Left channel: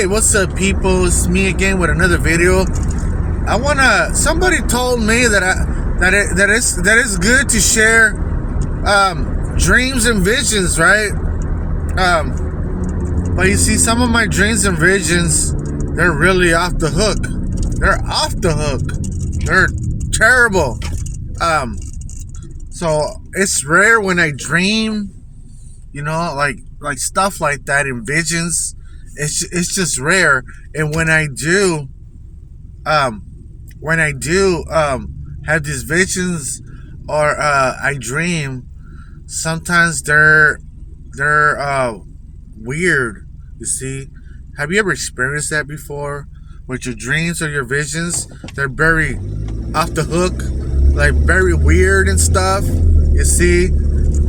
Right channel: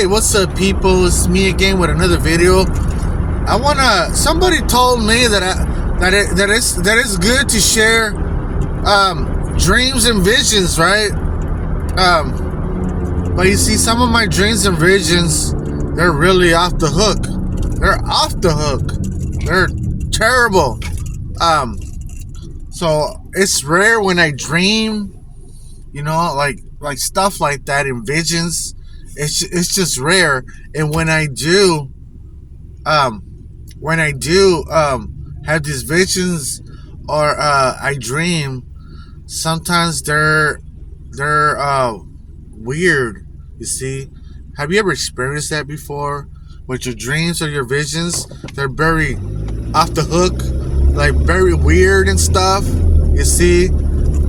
Hey, what's up, people? It's me again with another video. Somebody told me that it's good to share dreams and visions, right? But you see, some of my dreams and visions, they're really off the hook. They're off the hook. They're terrible. So it's rare when I dream, like stuff like that in visions. It's just rare. And when I do have these visions or I dream, sometimes they're weird. You see, have you ever experienced that before? With your dreams or your visions, they're very off the hook, like very weird and stuff. You see,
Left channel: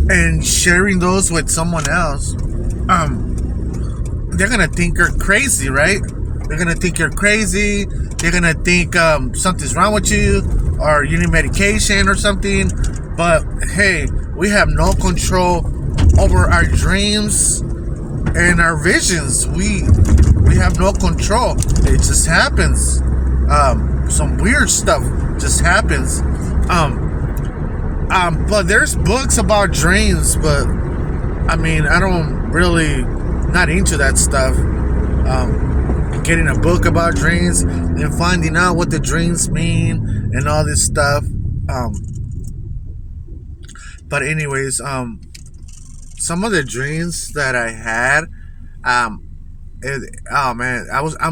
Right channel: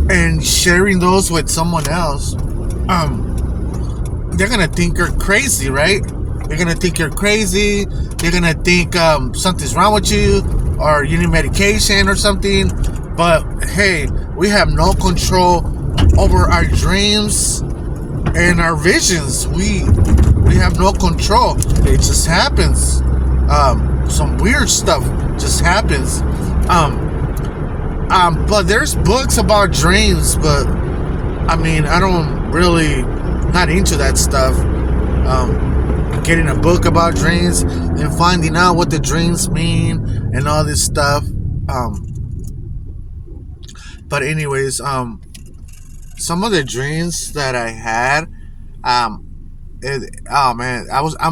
and sharing those with someone else, they're gonna think you're crazy, right? They're gonna think you're crazy. They're gonna think something's wrong with you, or you need medication or something. But hey, we have no control over our dreams and our visions. We have no control. It just happens. Some weird stuff just happens. But there's books about dreams, but I mean, I don't really, not into that stuff. Getting a book about dreams and finding out what the dreams mean and all this stuff. But anyways, some of the dreams that I had, I'm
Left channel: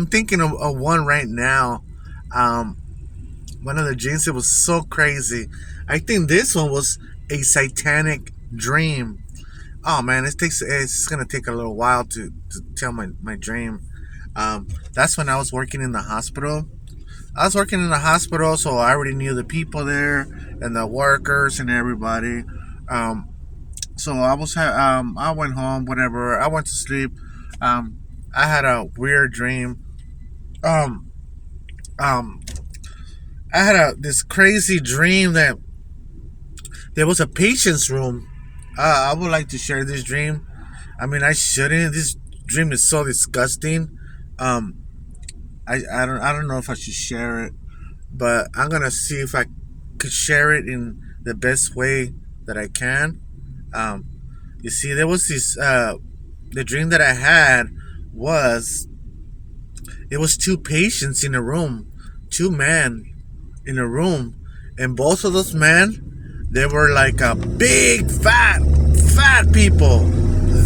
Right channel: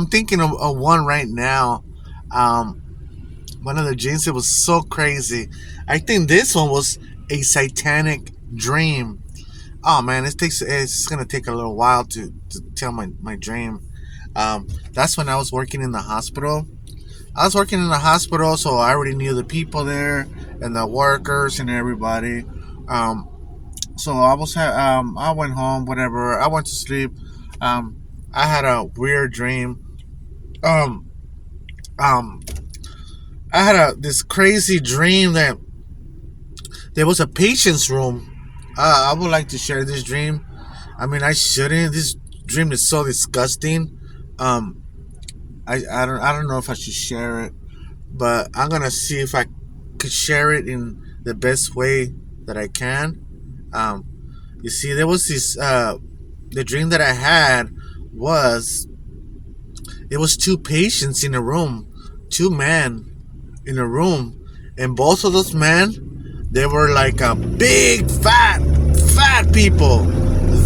thinking of one right now. One of the dreams, it was so crazy. I think this one was a satanic dream. Oh man, it's gonna take a little while to tell my dream. That's when I was working in the hospital. So I already knew the people there and the workers and everybody. So I went home, whatever. I went to sleep. I had a weird dream. I had this crazy dream that there was a patient's room. I would like to share this dream. I mean, I shouldn't. This dream is so disgusting. I don't know if I should share it, but I'm gonna see if I could share it in the best way that I can. You see, there was this. The dream that I had was, it was two patients in a room, two men in a room, and both of those men, they were like a big fat people.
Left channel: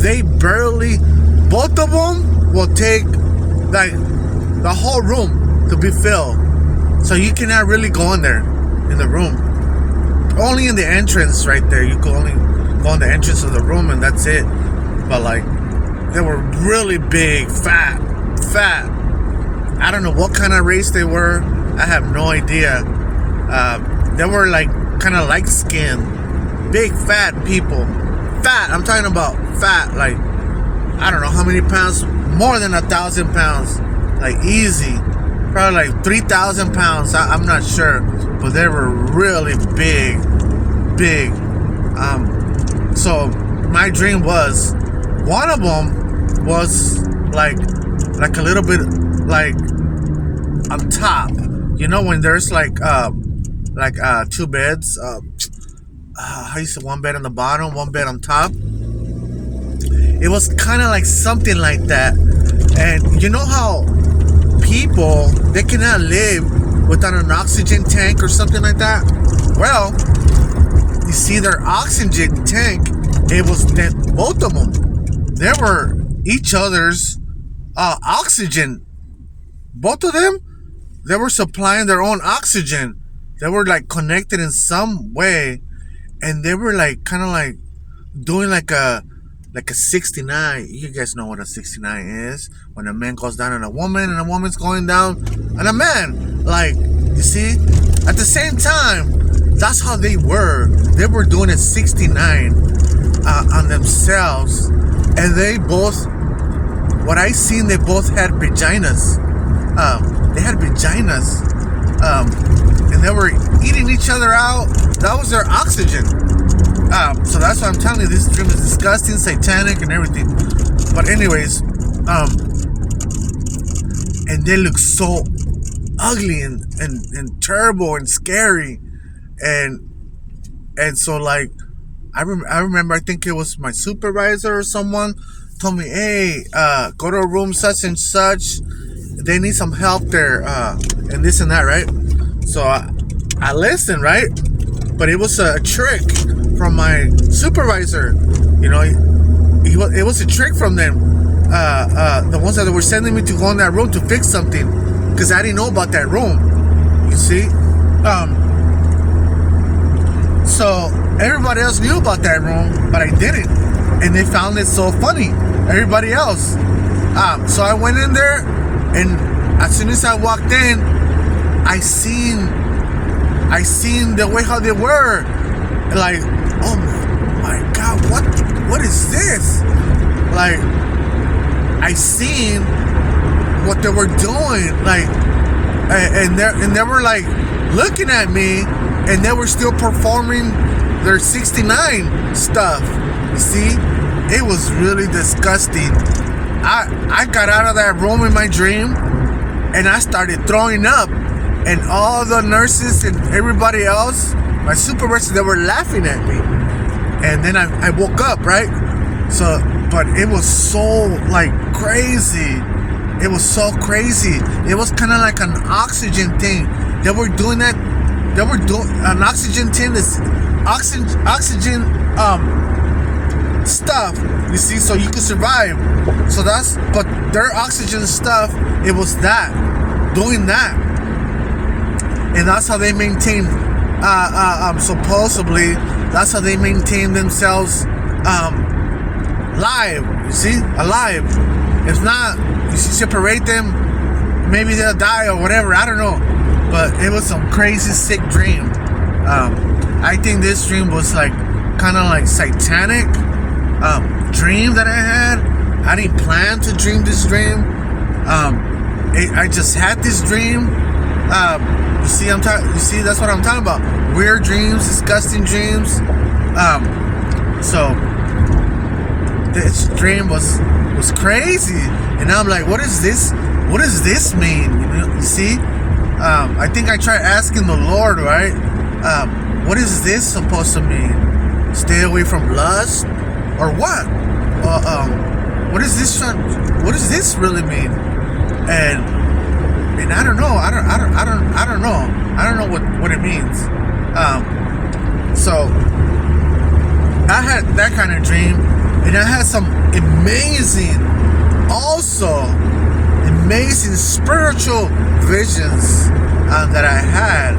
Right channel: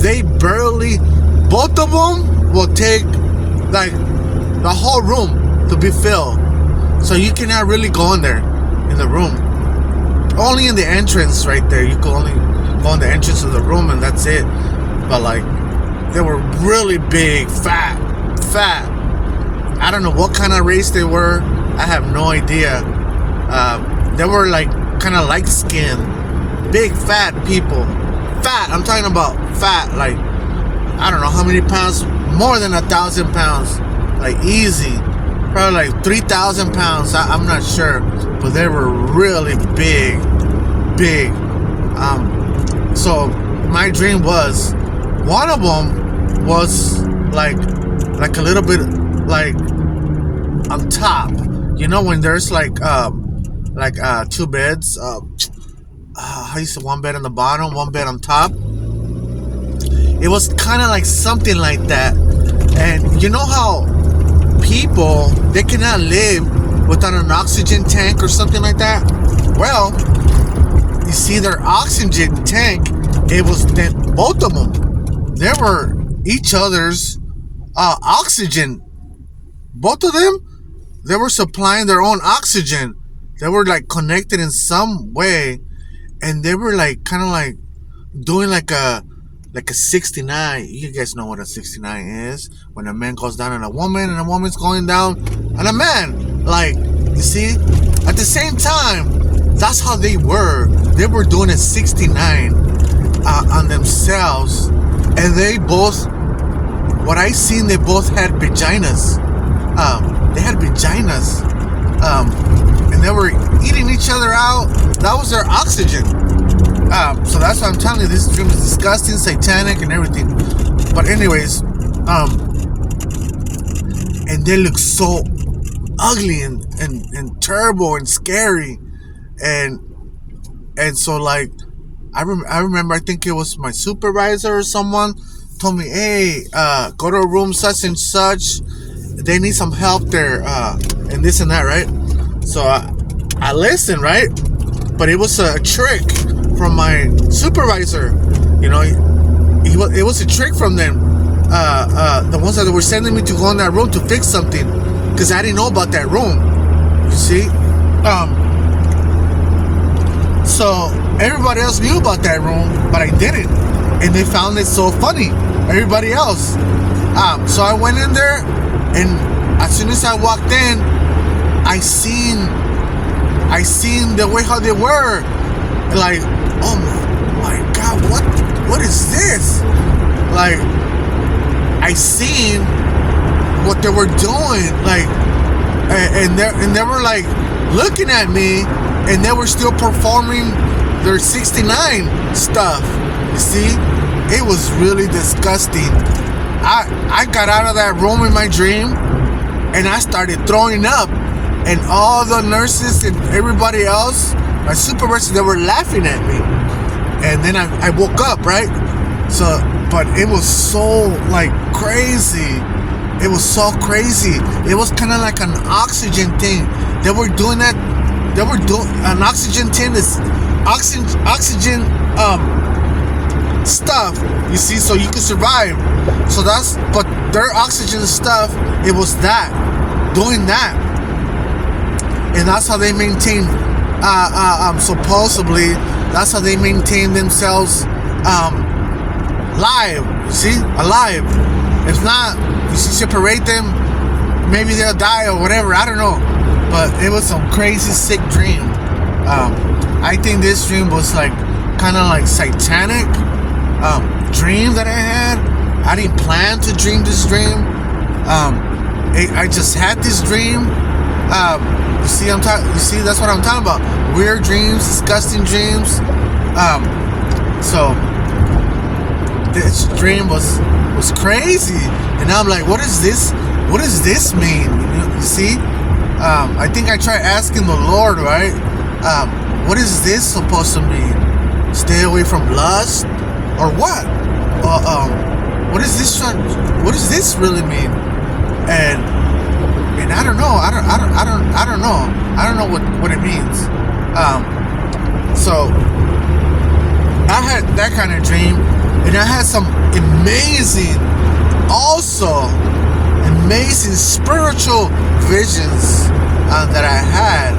They barely, both of them will take like the whole room to be filled, so you cannot really go in there in the room. Only in the entrance right there, you can only go in the entrance of the room, and that's it. But like, they were really big, fat. I don't know what kind of race they were. I have no idea. They were like kind of light skinned, big fat people. Fat, I'm talking about fat, like I don't know how many pounds, more than 1,000 pounds, like easy, probably like 3,000 pounds. I'm not sure, but they were really big. So my dream was, one of them was like a little bit like on top. You know when there's like two beds. How you say, one bed on the bottom, one bed on top. It was kind of like something like that. And you know how people, they cannot live without an oxygen tank or something like that? Well, you see, their oxygen tank, it was both of them. They were each other's oxygen. Both of them, they were supplying their own oxygen. They were like connected in some way, and they were like kind of like doing like a 69. You guys know what a 69 is, when a man goes down on a woman and a woman's going down on a man. Like, you see, at the same time, that's how they were. They were doing a 69 on themselves, and they both, what I seen, they both had vaginas. They had vaginas, and they were eating each other out. That was their oxygen. So that's why I'm telling you, this dream is disgusting, satanic, and everything. But anyways, and they look so ugly and terrible and scary, and so like I remember, I think it was my supervisor or someone told me, hey, go to room such and such, they need some help there, and this and that, right? So I listened, right? But it was a trick from my supervisor, you know. It was a trick from them, the ones that were sending me to go in that room to fix something, because I didn't know about that room, you see. So everybody else knew about that room, but I didn't, and they found it so funny, everybody else. So I went in there, and as soon as I walked in, I seen the way how they were, like, oh my God, what is this? Like, I seen what they were doing, like, and they were like looking at me, and they were still performing their 69 stuff. You see, it was really disgusting. I got out of that room in my dream, and I started throwing up, and all the nurses and everybody else, my supervisors, they were laughing at me. And then I woke up, right? So, but it was so like crazy. It was so crazy. It was kind of like an oxygen thing. They were doing that. They were doing an oxygen thing. Is oxygen stuff. You see, so you could survive. So but their oxygen stuff, it was that, doing that, and that's how they maintain. Supposedly, that's how they maintain themselves alive. You see, alive. If not, you see, separate them, maybe they'll die or whatever. I don't know. But it was some crazy, sick dream. I think this dream was like kind of like satanic dream that I had. I didn't plan to dream this dream. I just had this dream. You see, that's what I'm talking about. Weird dreams, disgusting dreams. So this dream was crazy, and I'm like, what is this? What does this mean? You see, I think I tried asking the Lord, right? What is this supposed to mean? Stay away from lust, or what? What is this? What does this really mean? And I don't know. I don't know. I don't know what it means. So I had that kind of dream, and I had some amazing spiritual visions that I had.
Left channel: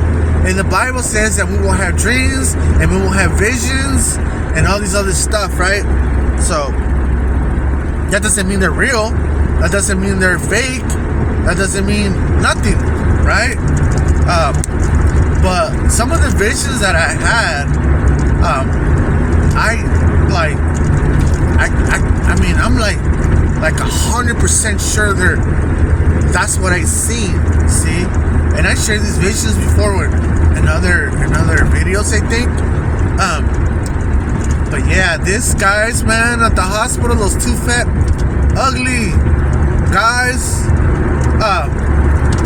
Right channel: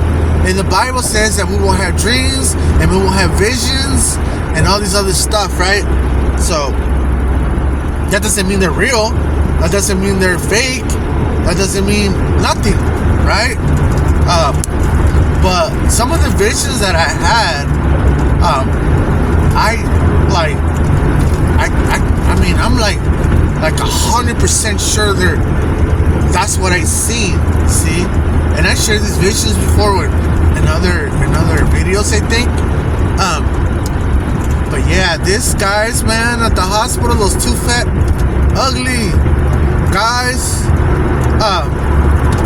And the Bible says that we will have dreams and we will have visions and all these other stuff, right? So that doesn't mean they're real. That doesn't mean they're fake. That doesn't mean nothing, right? But some of the visions that I had, I'm like 100% sure that's what I seen. See, and I shared these visions before with in other videos, I think. But yeah, these guys, man, at the hospital, those two fat, ugly guys,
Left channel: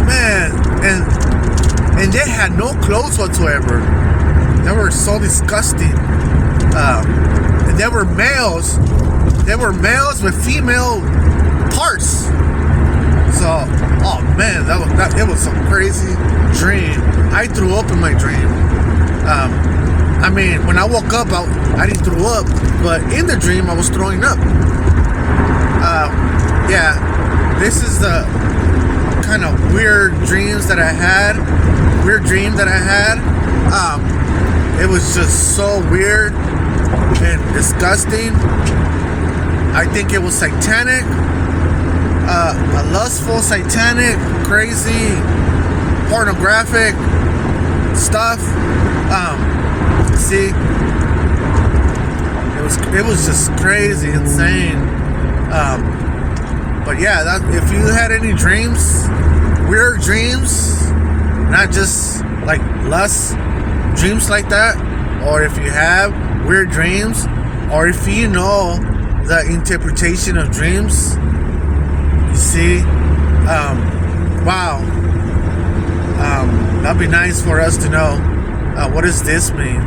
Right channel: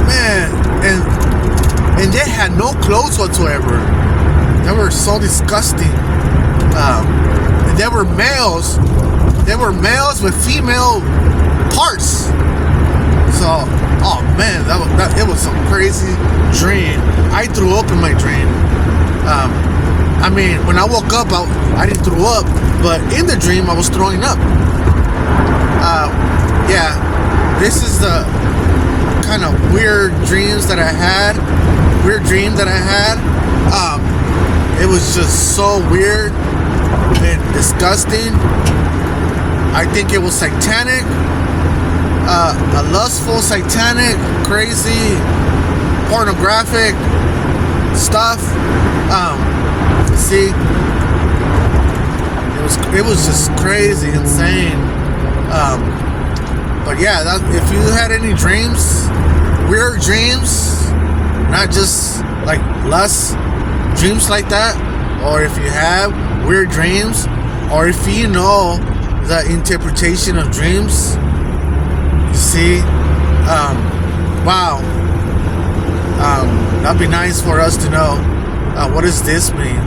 man, and they had no clothes whatsoever. They were so disgusting. They were males. They were males with female parts. So, oh man, it was some crazy dream. I threw up in my dream. When I woke up, I didn't throw up, but in the dream, I was throwing up. Yeah, this is the kind of weird dreams that I had. Weird dream that I had. It was just so weird and disgusting. I think it was satanic, a lustful, satanic, crazy, pornographic stuff. See, it was just crazy, insane. But yeah, if you had any dreams, weird dreams, not just like lust dreams like that, or if you have weird dreams, or if you know the interpretation of dreams, you see, wow. That'd be nice for us to know. What does this mean?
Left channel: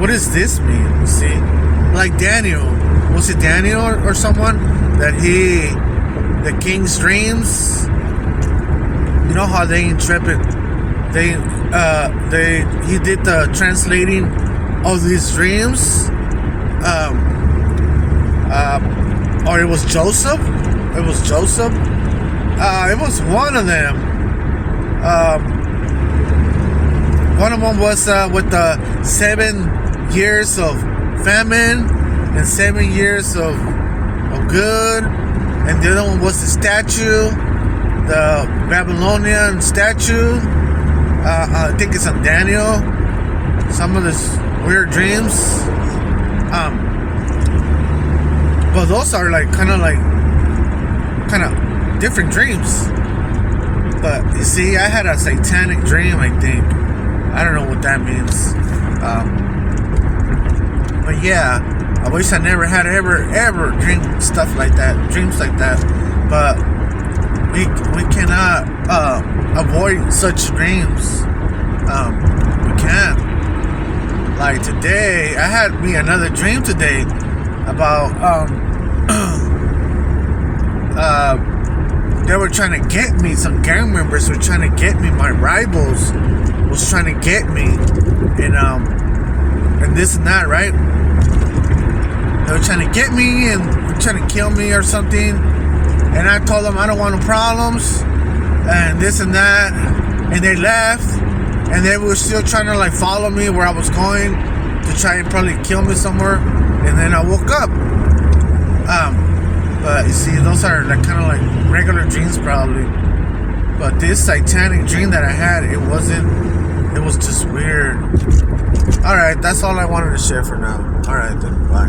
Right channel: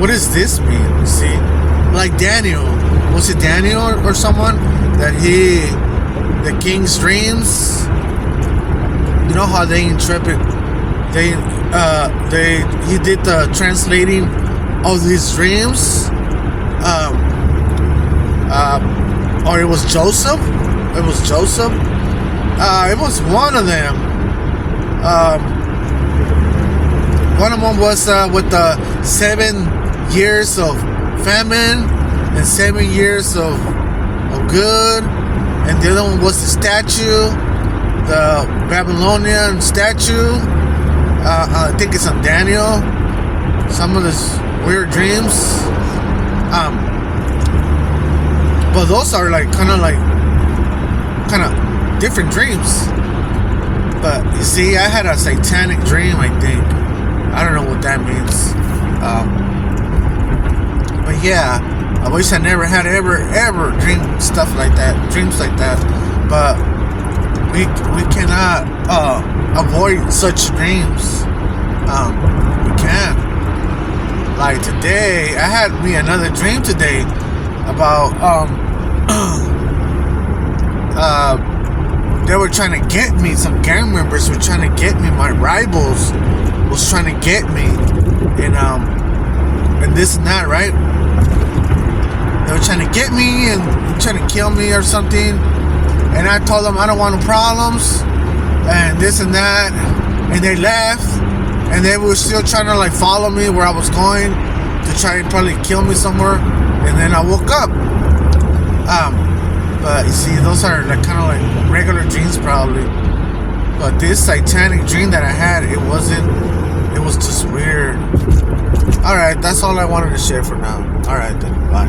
What does this mean? You see, like Daniel. Was it Daniel or someone that the king's dreams? You know how they interpret. He did the translating of his dreams. Or it was Joseph. It was Joseph. It was one of them. One of them was with the 7 years of famine and 7 years of good, and the other one was the statue, the Babylonian statue. I think it's on Daniel. Some of his weird dreams. But those are like kind of different dreams. But you see, I had a satanic dream, I think. I don't know what that means. But yeah, I wish I never had ever dreamed stuff like that, dreams like that. But we cannot avoid such dreams. We can't. Like today, I had me another dream today about they were trying to get me. Some gang members were trying to get me. My rivals was trying to get me, and this and that, right? They were trying to get me and trying to kill me or something. And I told them I don't want no problems, and this and that. And they left, and they were still trying to like follow me where I was going to try and probably kill me somewhere. And then I woke up. But you see, those are like kind of like regular dreams probably. But this satanic dream that I had, it was just weird. Alright, that's all I wanted to share for now. Alright then, bye.